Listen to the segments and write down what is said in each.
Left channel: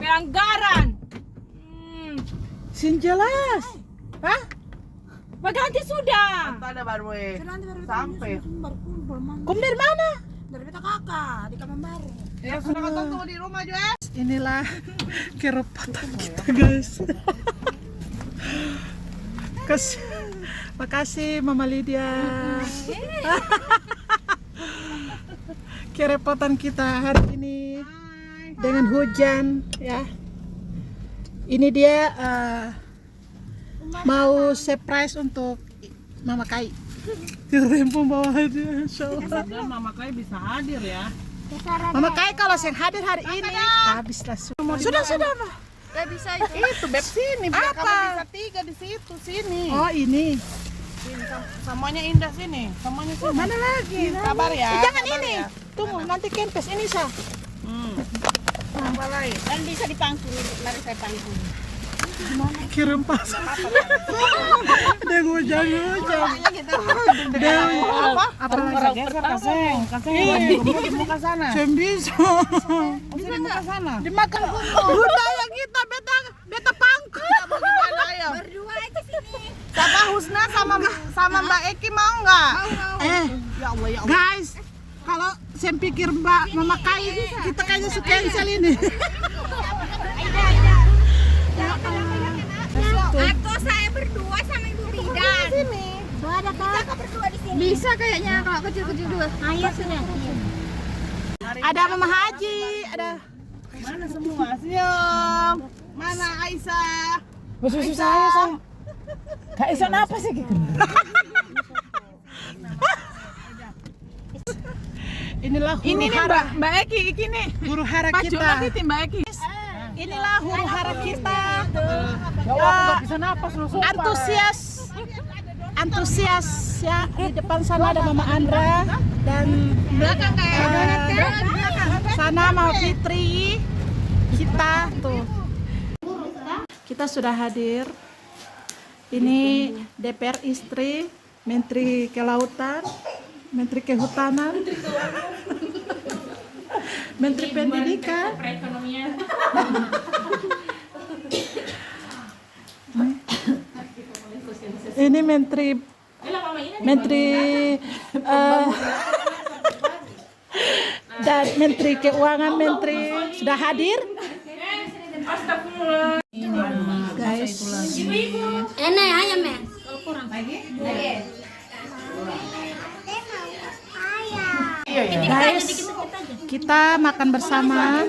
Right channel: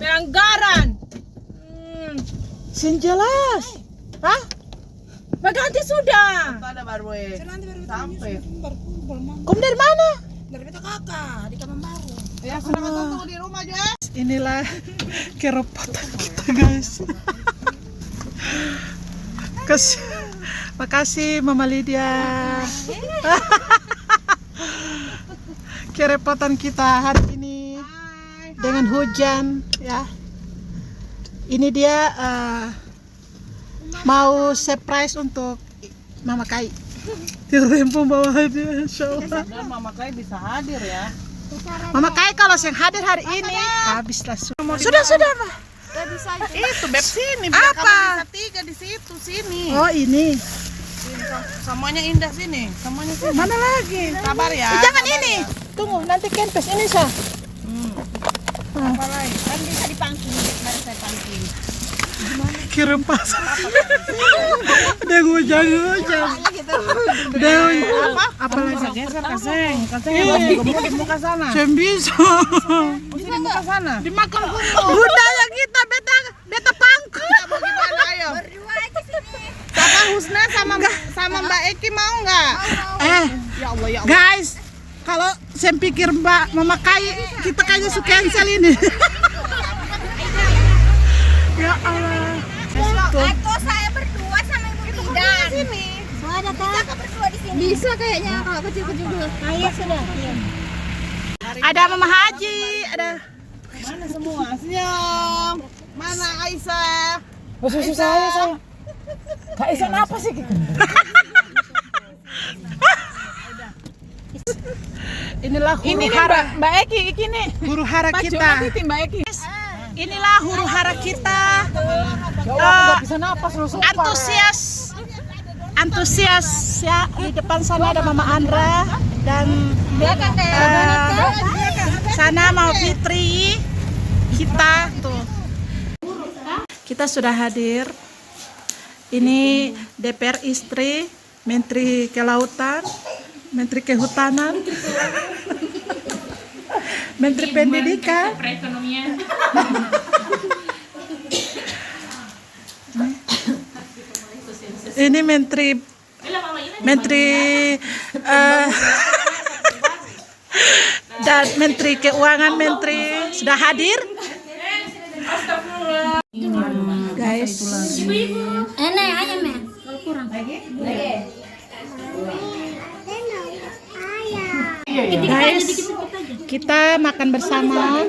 Pelanggaran. Sin jelas. Hah? Berganti sudah. Ada baru sampai. Kamu dari mana? Dari beta kakak di kamar baru. Ya selamat tunggu di rumah juga. Inilah kerepotan kita guys. Makasih Mama Lydia. Kerepotan kita hari ini dengan hujan ya. Ini dia mau surprise untuk Mama Kai. Tempo bawa hadiah insyaallah. Dan Mama Kai bisa hadir ya. Mama Kai kalau yang hadir hari ini habislah sudah Pak. Itu beb sini. Apa? Bisa 3 di situ sini. Oh ini. Sini, semuanya indah sini. Semuanya sini. Mana lagi? Sabar ya. Jangan ini. Tunggu nanti kempes ini sah. Apa lagi? Kan bisa dipangking, mari saya pangking. Kirim pas. Udah gue jangan. Apa? Apa Bisa lagi? geser kaseng. Gemuk di muka sana. Cem bisa. Di muka sana. Dimakan budaya kita beta pangku. Gimana ayo? Berdua aja sini. Papa Husna sama Mbak Eki mau nggak? Ya Allah ya Allah. Guys, kalau saya pikir Mbak Mama Kai kita kayaknya suka cancel ini. Ya Allah. Aku saya berdua sama Ibu Bidan. Sini. Ada kan? Berdua di sini. Bisa kayaknya kalau kecil-kecil dulu. Ayo sudah. Ada Mama Haji, ada. Mana semua? Senyum. Mana Aisyah? Susah saya. Kak Isa apa sih? Inilah huru hara Mbak Eki ini. huru hara kita. Mbak Eki. Inilah huru hara kita. Bisa napas lu sumpah. Antusias ya. Di depan sana ada Mama Andra dan sana Mama Fitri. Kita tuh. Kita sudah hadir. Ini DPR istri, Menteri Kelautan, Menteri Kehutanan, Menteri Pendidikan, Perekonomian. ini Menteri dan Menteri Keuangan, Menteri sudah hadir. Guys, Enak ayam ya? guys, kita makan bersama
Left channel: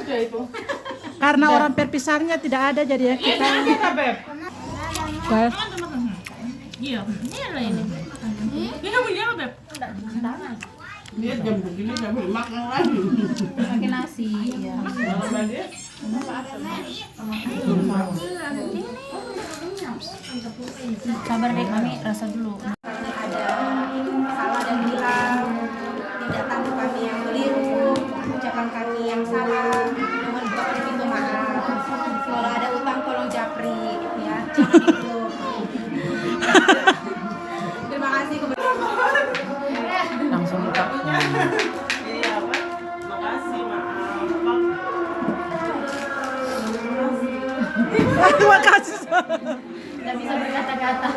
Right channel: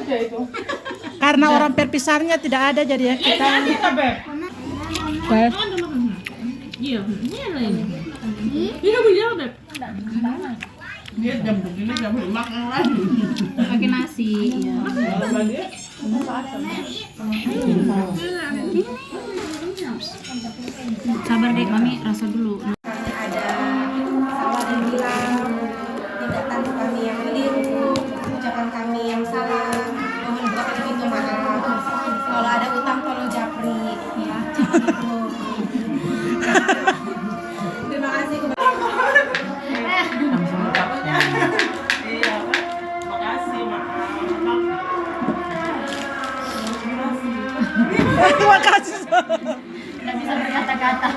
karena orang perpisahnya tidak ada jadi ya kita. Guys, Dia jam begini nggak boleh makan lagi. Pakai nasi ya. Sabar deh kami rasa dulu. Ada salah dan hilang, tindakan kami yang keliru, ucapan kami yang salah, mohon berkenan maaf. Kalau ada utang tolong japri ya, jangan itu. Terima kasih kepada Langsung ucapnya. Iya, Pak. Makasih, maaf. terima kasih. Nggak bisa berkata-kata.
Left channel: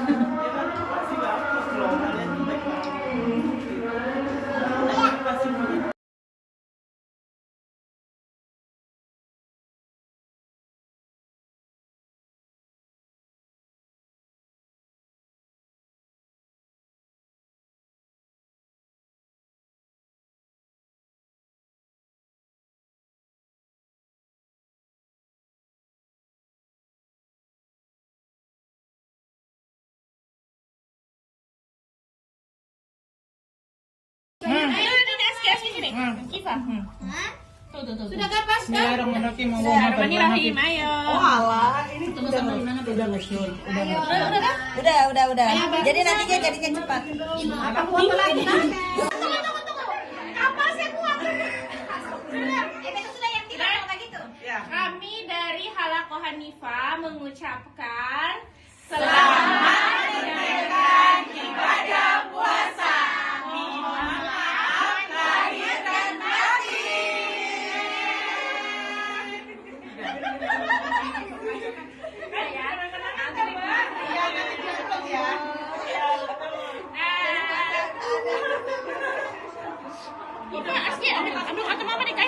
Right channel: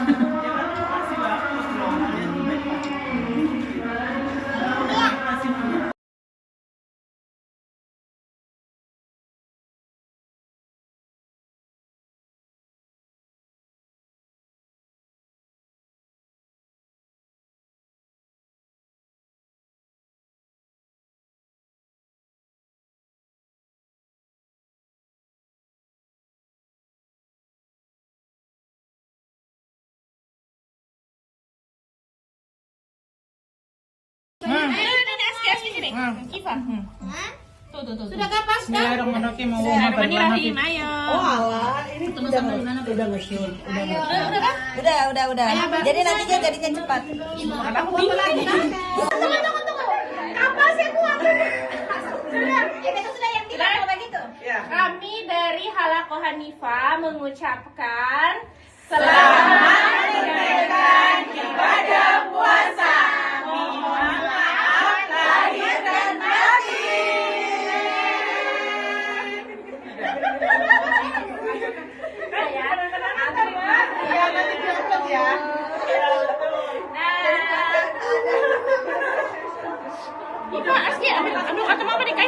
Sudah kapan? Bismillahirrahmanirrahim. Bismillahirrahmanirrahim. Ayo. Ini teman-teman di mana udah nge-shoot. Udah. Jadi nantinya jadinya cepat. Tunggu lagi. Kapal saya kuat. Itu sudah yang tidak begitu. Kami dari Halako Hanifah mengucapkan selamat menunaikan ibadah puasa. Mohon maaf lahir dan batin. Iya, ambil atau mau dikasih.